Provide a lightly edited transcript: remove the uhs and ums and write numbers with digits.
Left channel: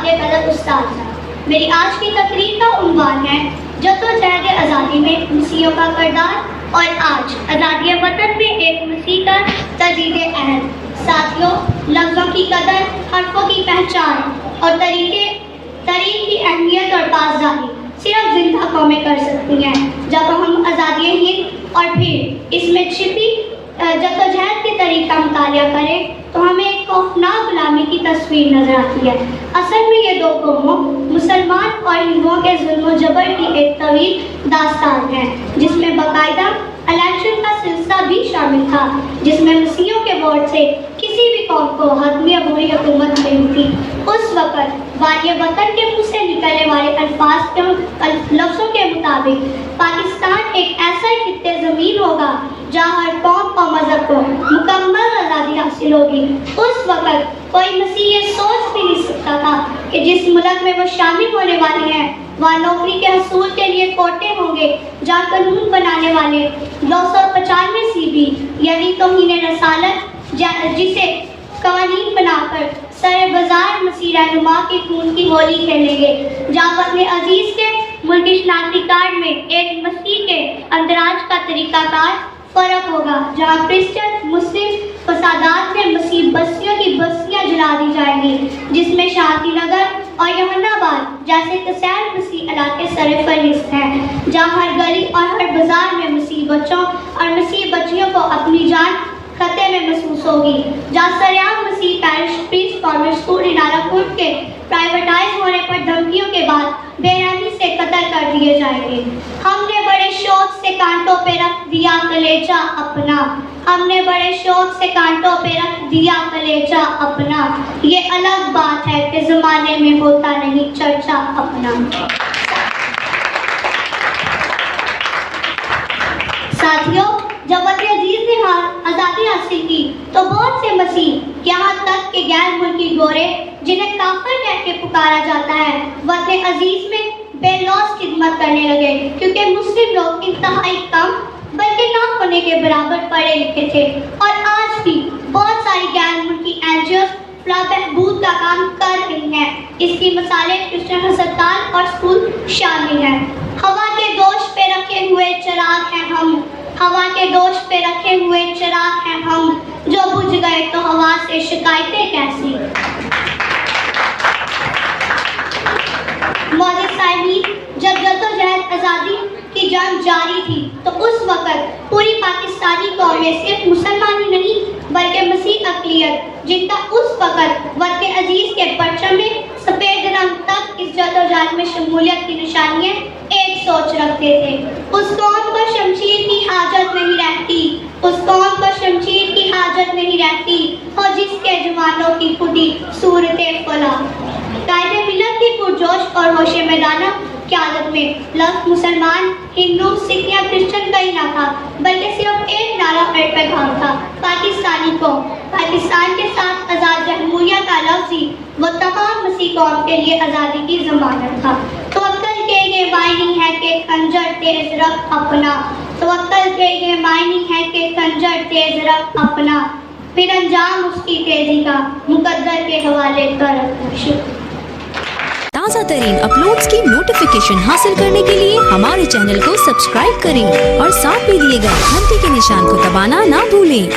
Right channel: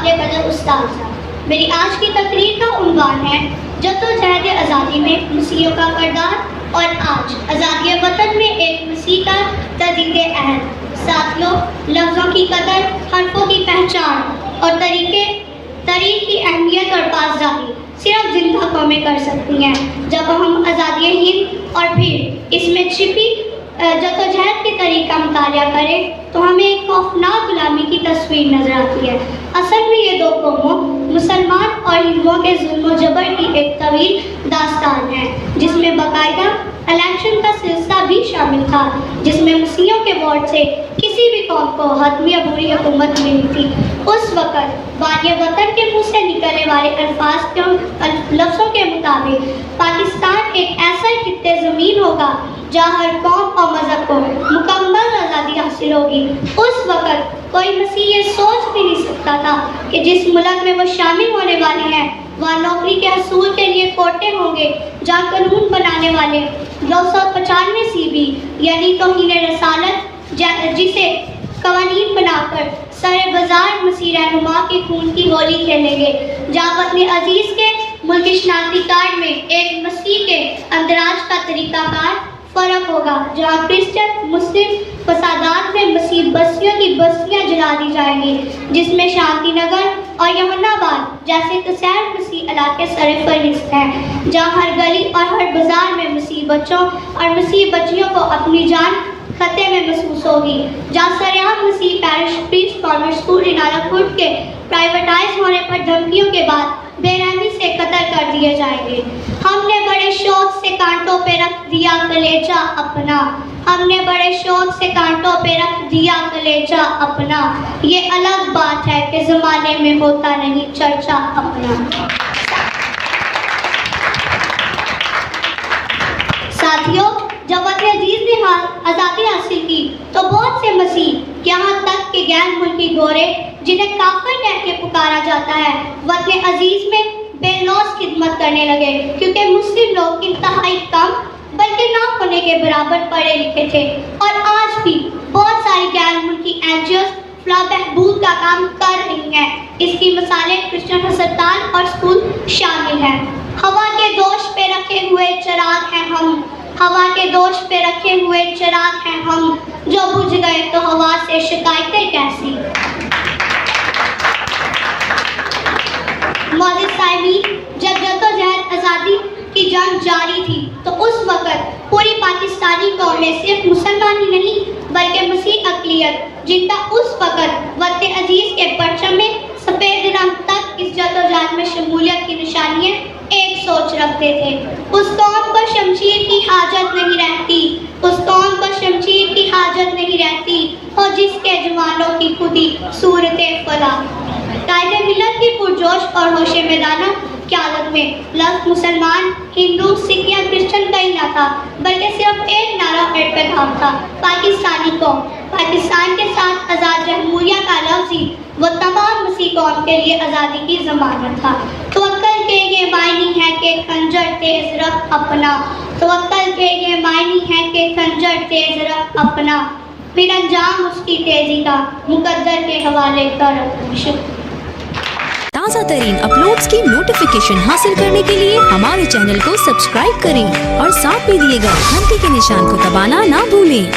آگے قدر استاد صاحب۔ میری آج کی تقریر کا عنوان ہے جدوجہد آزادی میں مسیحیوں کا کردار اور آج آزادی وطن میں ایک مسیح کا تجدید عہد۔ ساتھیوں، لفظوں کی قدر، حرفوں کی پہچان اور طریق کی اہمیت اور پاسداری صرف زندہ قومیں کر سکتی ہیں۔ جب ہم آزادی ہند اور پھر اس میں چھپی جدوجہد کے طریق کا مطالعہ کریں تو ہمیں ایک خوفناک غلامی کی تصویر نظر آتی ہے۔ اصل میں یہ دو قوموں مسلمان اور ہندوؤں کے ظلم و جبر کی ایک طویل داستان ہے، جس میں باقاعدہ الیکشن کا سلسلہ بھی شامل تھا، جس میں مسیحیوں کے ووٹ سے کسی بھی قوم کو حتمی عبوری حکومت ملی تھی۔ اس وقت والی وطن کے منہ سے نکلنے والے لفظوں کے مطابق پاکستان ایک ایسا خطے زمین ہوگا جہاں ہر قوم اور مذہب کو مکمل آزادی حاصل ہوگی۔ اس وقت کوئی مسیح یہ سوچ بھی نہیں سکتا تھا کہ جس ملک میں وہ شامل ہونے والے ہیں وہاں نوکری کے حصول کے لیے کوٹے ہوں گے، جہاں قانون بنانے والے 995 CB یعنی توہین رسالت جسے قوانین بنا کر سر بازار مسیح رہنما کے خون کی ہولی کھیلیں گے، جہاں اپنے عزیز کے ملکی شناختی کارڈ میں ایک مسیح کے اندراج کا طریقہ کار فرق ہوگا، جہاں کرسچن مسلم فسادات میں مسیح بستیوں کی بستیاں جلا دی جائیں گی، جس میں شانتی نگر اور یمن آباد جیسے کثیر مسیح علاقے سر فہرست ہیں، جہاں ہر گلی اور ہر بازار میں مسیح بچوں اور مسیح بچیوں کو اپنی جان خطے میں محسوس ہوگی، جہاں سریعام مسیح پیرش پریسٹ کانوینٹ اسکول رینالا کوٹ کے پرائیویٹائز ہونے پر دھمکیوں کے بعد بے رحمی سے قتل کر دیے جائیں گے۔ ہم نے بڑے شوق سے کانٹوں پہ رکھ دیا کلیجہ اپنا، ہم نے بڑے شوق سے کانٹوں پہ رکھ دیا کلیجہ اپنا، یہ الگ بات ہے کہ زمانے میں ہوتا نہیں چرچا اپنا۔ ساتھیوں، جب وطن عزیز نے آزادی حاصل کی تو بہت سے مسیح یہاں تک کہ غیر ملکی گورے جنہیں کافر کہہ کے پکارا جاتا ہے وطن عزیز میں بے لوث خدمت کرنے لگے، کیونکہ مسلم لوگ انتہائی کم بلکہ نہ ہونے کے برابر پڑھے لکھے تھے، اور آج بھی بہت ساری غیر ملکی NGOs فلاح بہبود کا کام کر رہی ہیں۔ اس کی مثالیں کرسچن ہسپتال اور اسکول شامل ہیں۔ ہوا کے دوش پہ رکھے ہوئے چراغ ہیں ہم، ہوا کے دوش پہ رکھے ہوئے چراغ ہیں ہم، جو بجھ گئے تو ہوا سے شکایتیں کیسی۔ معزز سامعین، جب جدوجہد آزادی کی جنگ جاری تھی تو اس وقت پوری پاکستانی قوم میں صرف مسلمان ہی نہیں بلکہ مسیح اقلیت، جن کا اس وقت وطن عزیز کے پرچم میں سفید رنگ تک اس جدوجہد میں شمولیت کی نشانیاں ایک سوچ رکھتے تھے۔ اس قوم کو شمشیر کی حاجت نہیں رہتی، اس قوم کو شمشیر کی حاجت نہیں رہتی، ہو جس کے جوانوں کی خودی صورت فلاح۔ قائد ملت کی پرجوش اور ہوش میدانہ قیادت میں لفظ مسلمان، ہندو، سکھ یا کرسچن کا ہی نہ تھا بلکہ صرف ایک نعرہ پیغام تھا: پاکستانی قوم۔ پاکستان کے ساتھ آزاد جمہوریہ کا لفظ ہی وہ تمام مسیح قوم کے لیے آزادی کی ضمانت تھا۔ توکل کے یہ معنی ہے کہ خنجر تیز رکھ اپنا، توکل کے یہ معنی ہے کہ خنجر تیز رکھ اپنا، پھر انجام اس کی تیزی کا مقدر کے حوالے کر۔ شکریہ۔ تازہ ترین اپلوڈز کی نوٹیفیکیشن حاصل کرنے کے لیے ہمارے چینل کو سبسکرائب کریں اور ساتھ میں دیے گئے گھنٹی کے نشان کو دبانا نہ بھولیں۔